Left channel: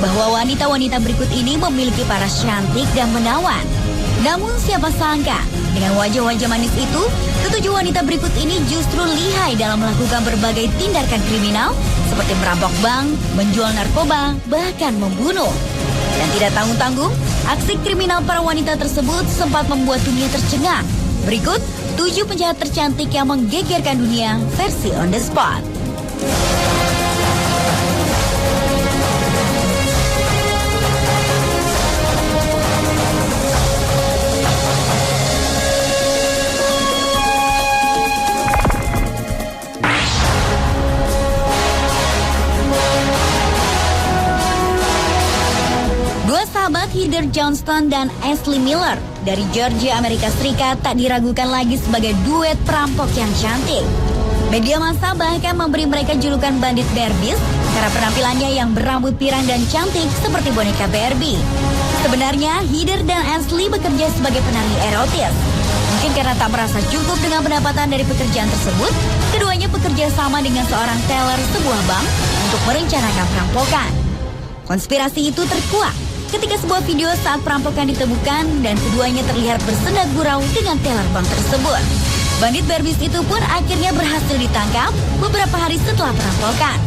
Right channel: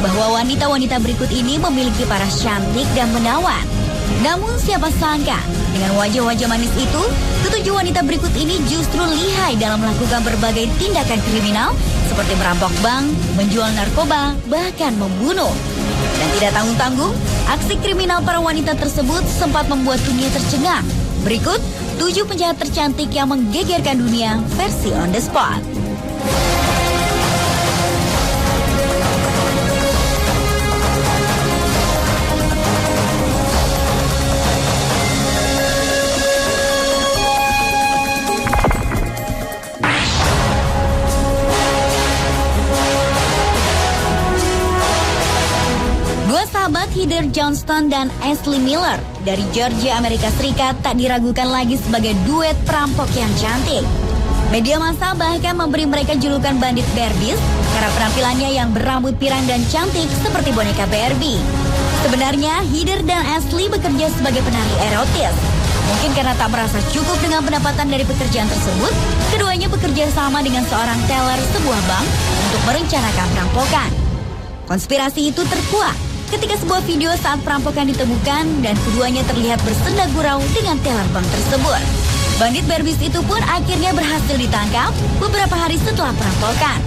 bahwa wanita-wanita berikut ini memiliki paras cantik dan menawan. Namun siapa sangka, dengan wajah-wajah manis itu, ketujuh wanita berikut ini justru lihai dalam melakukan berbagai tindakan kriminal seperti merampok bank, menjual narkoba, bahkan membunuh. Dan tidak tahu tanggung, aksi kriminal para wanita tersebut sempat membuat dunia tercengang. Berikut 7 penjahat tercantik yang menggegerkan dunia versi on the spot. Heather Johnston dan Ashley Miller dari Georgia, Amerika Serikat tak diragukan lagi sebagai duet perampok yang cantik. Media massa bahkan memberi mereka julukan bandit Barbies karena penampilannya yang berambut pirang dan cantik seperti boneka Barbie. Sebenarnya Heather dan Ashley bekerja sebagai penari erotis. Mungkin karena tak merasa cukup dengan pendapatan dari pekerjaan tersebut, keduanya bekerja sama dengan seorang teller sebuah bank untuk merencanakan perampokan. Konspirasi itu terkuak ketika sebuah video saat perampokan ditemukan dan keduanya terlihat bersenda gurau dengan teller bank tersebut. Bandit Barbies itu pun akhirnya berhasil ditangkap beberapa hari setelah perampokan.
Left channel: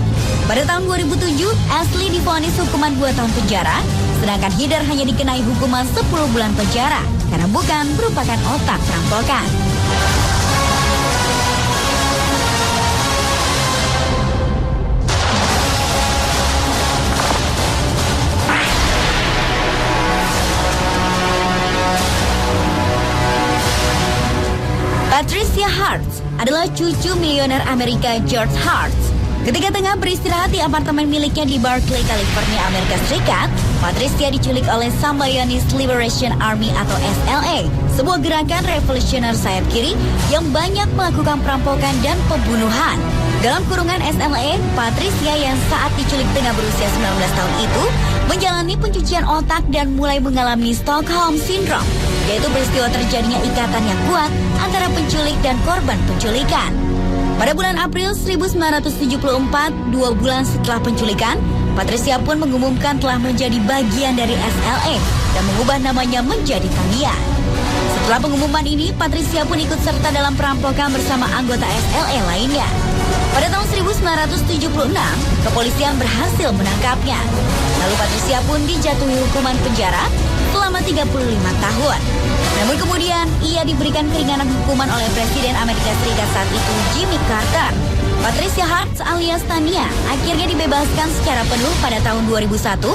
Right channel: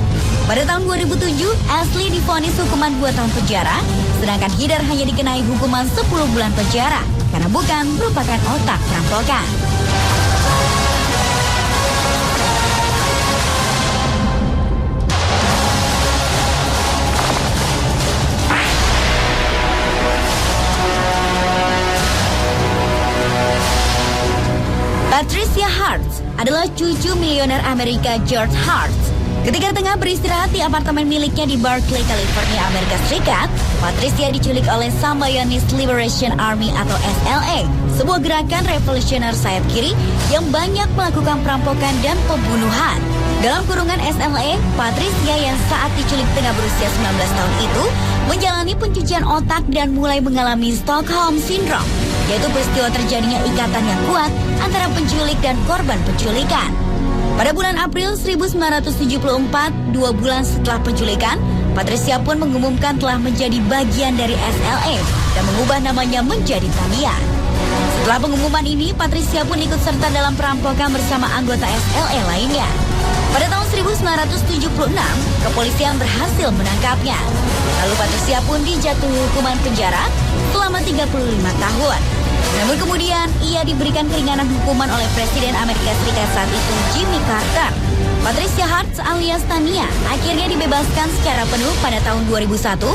Pada tahun 2007, Ashley divonis hukuman 2 tahun penjara, sedangkan Heather hanya dikenai hukuman 10 bulan penjara karena bukan merupakan otak perampokan. Patricia Hartz adalah cucu miliuner Amerika George Hartz. Ketika tengah beristirahat di apartemen miliknya di Berkeley, California, Amerika Serikat, Patricia diculik oleh Symbionese Liberation Army atau SLA, sebuah gerakan revolusioner sayap kiri yang banyak melakukan perampokan dan pembunuhan. Dalam kurungan SLA, Patricia yang saat diculik tengah berusia 19 tahun itu menjalani pencucian otak dan mulai mengalami Stockholm Syndrome, yaitu peristiwa terjadinya ikatan yang kuat antara penculik dan korban penculikan. Pada bulan April 1974, 2 bulan setelah penculikan, Patricia pun mengumumkan telah menjadi bagian dari SLA dan mengubah namanya menjadi Tania. Setelah pengumuman ini, Patricia pun ikut serta dalam perampokan bersama anggota SLA lainnya. Pada tahun 1976, kepolisian berhasil menangkapnya. Lalu Patricia pun dijatuhi hukuman penjara selama 35 tahun. Namun kemudian, ia diberikan keringanan hukuman oleh Presiden Amerika Serikat saat itu, Jimmy Carter. Patricia Hartz alias Tania akhirnya dibebaskan secara penuh pada tahun 2001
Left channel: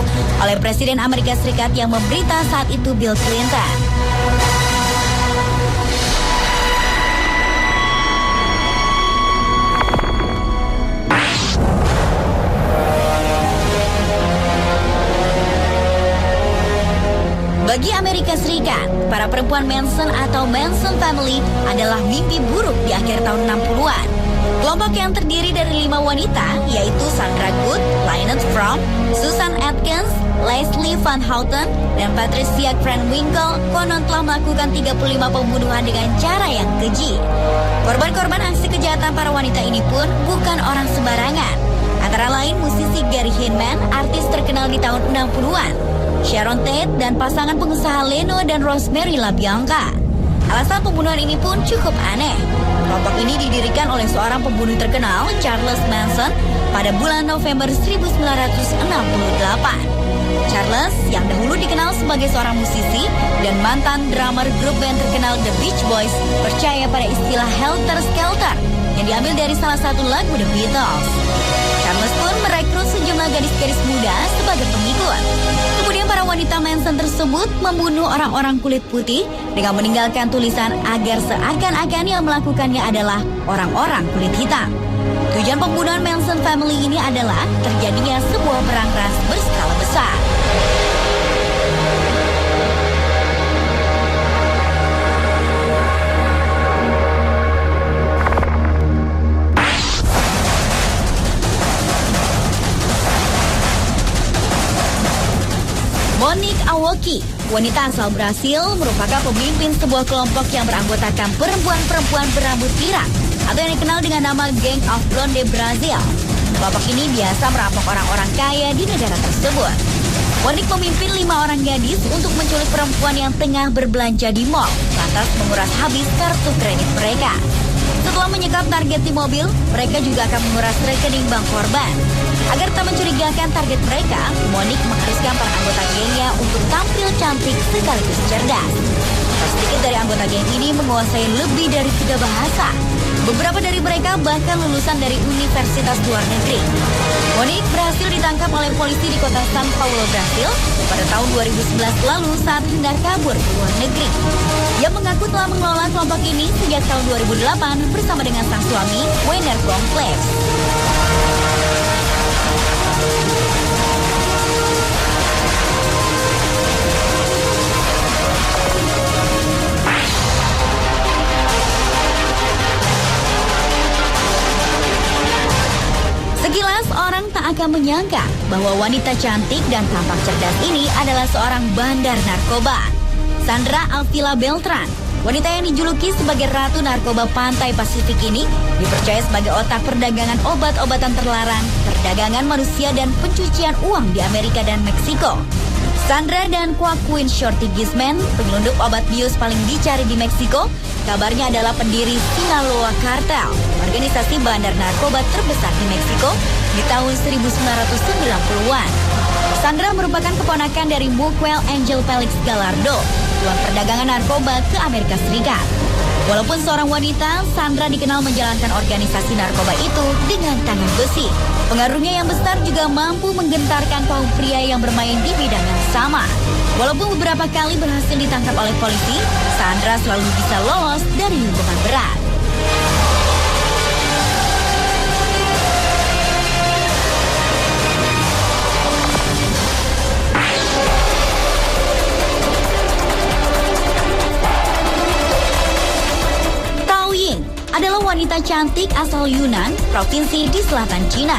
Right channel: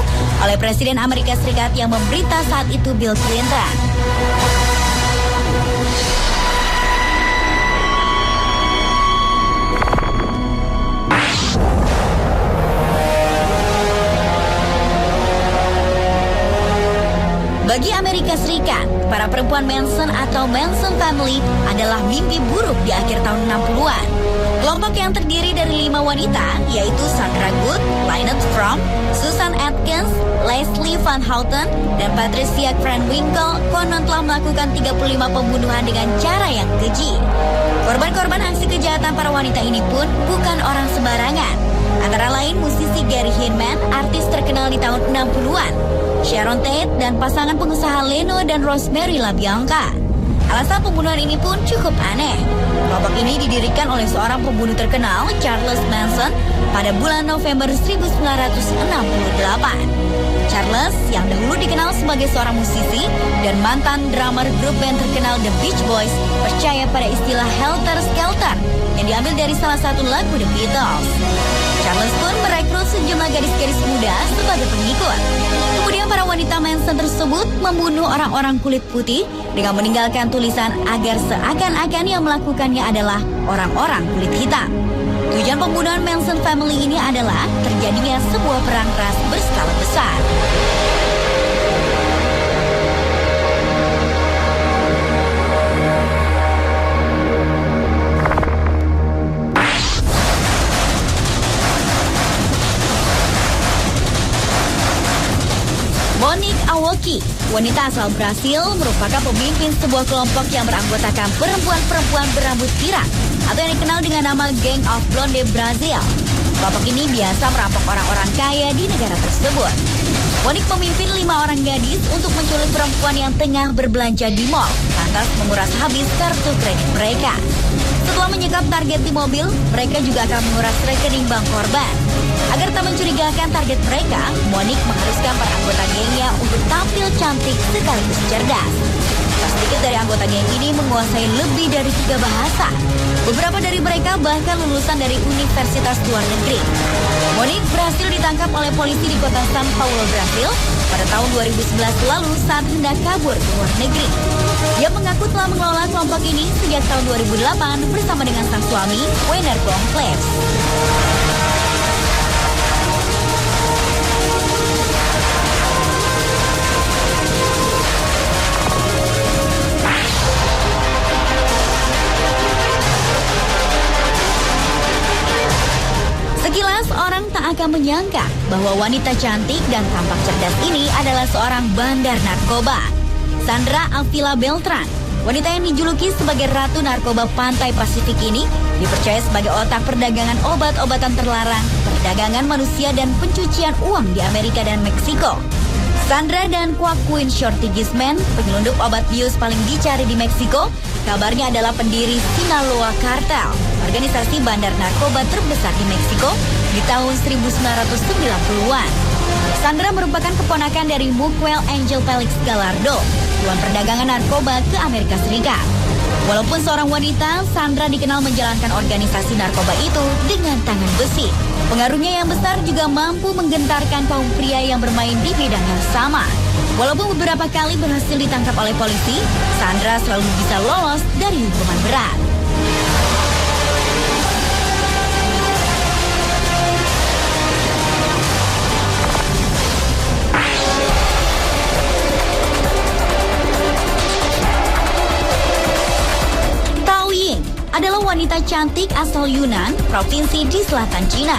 oleh Presiden Amerika Serikat yang memerintah saat itu, Bill Clinton. Bagi Amerika Serikat, para perempuan Manson atau Manson Family adalah mimpi buruk di akhir tahun 60-an. Kelompok yang terdiri dari 5 wanita, yaitu Sandra Good, Lynette Fromm, Susan Atkins, Leslie Van Houten, dan Patricia Krenwinkel konon telah melakukan 35 pembunuhan dengan cara yang keji. Korban-korban aksi kejahatan para wanita ini pun bukan orang sembarangan. Antara lain musisi Gary Hinman, artis terkenal di tahun 60-an, Sharon Tate, dan pasangan pengusaha Leno dan Rosemary LaBianca. Alasan pembunuhan ini pun cukup aneh. Kelompok ini didirikan oleh seorang pembunuh terkenal, Charles Manson, pada bulan November 1968. Charles, yang dahulu dikenal sebagai seorang musisi dan mantan drummer grup band terkenal The Beach Boys, percaya pada istilah Helter Skelter yang diambil dari salah satu lagu The Beatles. Charles pun merekrut sejumlah gadis-gadis muda sebagai pengikut. Kemudian para wanita Manson tersebut membunuh orang-orang kulit putih dengan meninggalkan tulisan agar seakan-akan yang melakukannya adalah orang-orang kulit hitam. Tujuan pembunuhan Manson Family ini adalah terjadinya sebuah perang ras berskala besar. Monique Awoki, wanita asal Brasil, merupakan pemimpin sebuah kelompok yang beranggotakan perempuan-perempuan berambut pirang atau yang dikenal dengan nama Gang of Blonde Brazil. Kelompok ini biasa merampok orang-orang kaya di negara tersebut. Monik memimpin 5 orang gadis untuk menculik perempuan yang tengah berbelanja di mall, lantas menguras habis kartu kredit mereka. Setelah menyekap target di mobil, mereka juga akan menguras rekening bank korban. Agar tak mencurigakan target mereka, Monik mengharuskan para anggota gengnya untuk tampil cantik sekaligus cerdas. Tak sedikit dari anggota geng ini menguasai lebih dari 3 bahasa. Beberapa dari mereka bahkan lulusan dari universitas luar negeri. Monik berhasil ditangkap oleh polisi di kota São Paulo, Brasil pada tahun 2011 lalu saat hendak kabur ke luar negeri. Ia mengaku telah mengelola kelompok ini sejak tahun 2008 bersama dengan sang suami, Wayner Bromfleet. Sekilas orang tak akan menyangka bahwa wanita cantik dan tampak cerdas ini adalah seorang bandar narkoba. Sandra Avila Beltran, wanita yang dijuluki sebagai Ratu Narkoba Pantai Pasifik ini dipercaya sebagai otak perdagangan obat-obatan terlarang, perdagangan manusia dan pencucian uang di Amerika dan Meksiko. Sandra dan Joaquin Shorty Guzman, penyelundup obat bius paling dicari di Meksiko, kabarnya adalah pendiri Sinaloa Cartel, organisasi bandar narkoba terbesar di Meksiko di tahun 1990-an. Sandra merupakan keponakan dari Miguel Angel Felix Gallardo, tuan perdagangan narkoba ke Amerika Serikat. Walaupun seorang wanita, Sandra dikenal menjalankan organisasi narkoba itu dengan tangan besi. Pengaruhnya yang besar juga mampu menggentarkan kaum pria yang bermain di bidang yang sama. Walaupun beberapa kali berhasil ditangkap oleh polisi, Sandra selalu bisa lolos dari hukuman berat. Adalah wanita cantik asal Yunnan, provinsi di selatan Cina.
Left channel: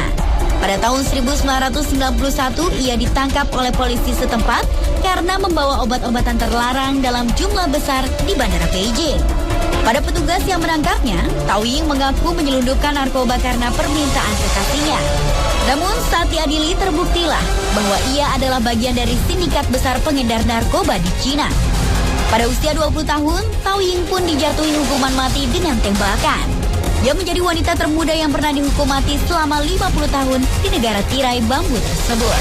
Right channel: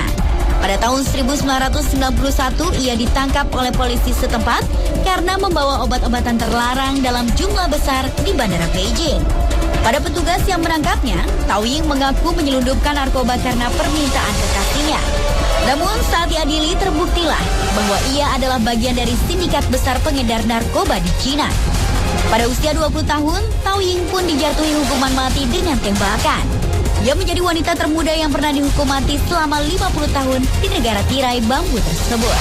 Pada tahun 1991, ia ditangkap oleh polisi setempat karena membawa obat-obatan terlarang dalam jumlah besar di Bandara Beijing. Pada petugas yang menangkapnya, Tao Ying mengaku menyelundupkan narkoba karena permintaan kekasihnya. Namun saat diadili terbuktilah bahwa ia adalah bagian dari sindikat besar pengedar narkoba di Cina. Pada usia 20 tahun, Tao Ying pun dijatuhi hukuman mati dengan tembakan. Dia menjadi wanita termuda yang pernah dihukum mati selama 50 tahun di negara tirai bambu tersebut.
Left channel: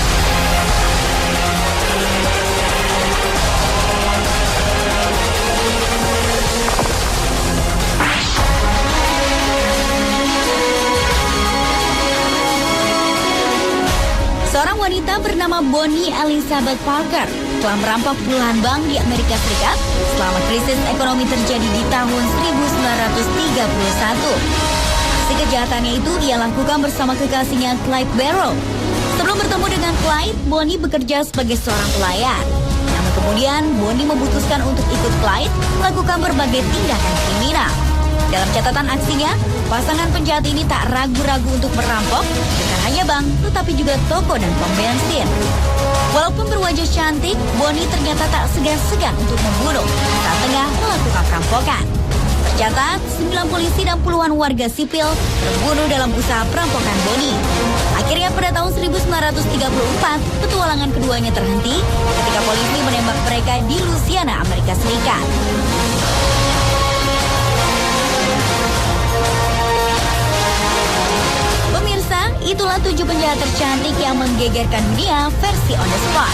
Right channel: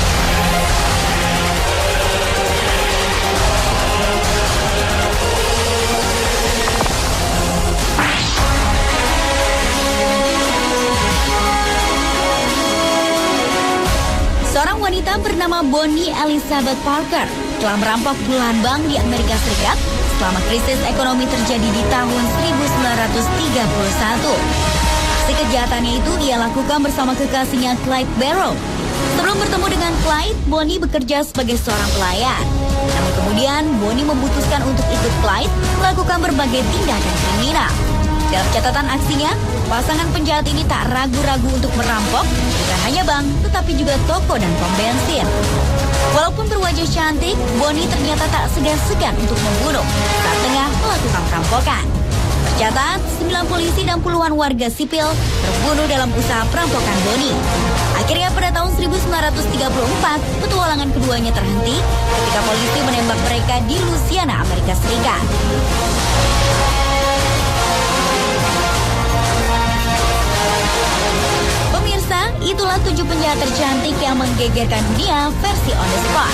Seorang wanita bernama Bonnie Elizabeth Parker telah merampok puluhan bank di Amerika Serikat selama krisis ekonomi terjadi di tahun 1931. Aksi kejahatannya itu ia lakukan bersama kekasihnya Clyde Barrow. Sebelum bertemu dengan Clyde, Bonnie bekerja sebagai seorang pelayan. Kemudian Bonnie memutuskan untuk ikut Clyde melakukan berbagai tindakan kriminal. Dalam catatan aksinya, pasangan penjahat ini tak ragu-ragu untuk merampok bukan hanya bank, tetapi juga toko dan pom bensin. Walaupun berwajah cantik, Bonnie ternyata tak segan-segan untuk membunuh saat tengah melakukan perampokan. Tercatat, 9 polisi dan puluhan warga sipil terbunuh dalam usaha perampokan Bonnie. Akhirnya pada tahun 1934, petualangan keduanya terhenti ketika polisi menembak mereka di Louisiana, Amerika Serikat. Itulah 7 penjahat tercantik yang menggegerkan dunia versi On The Spot.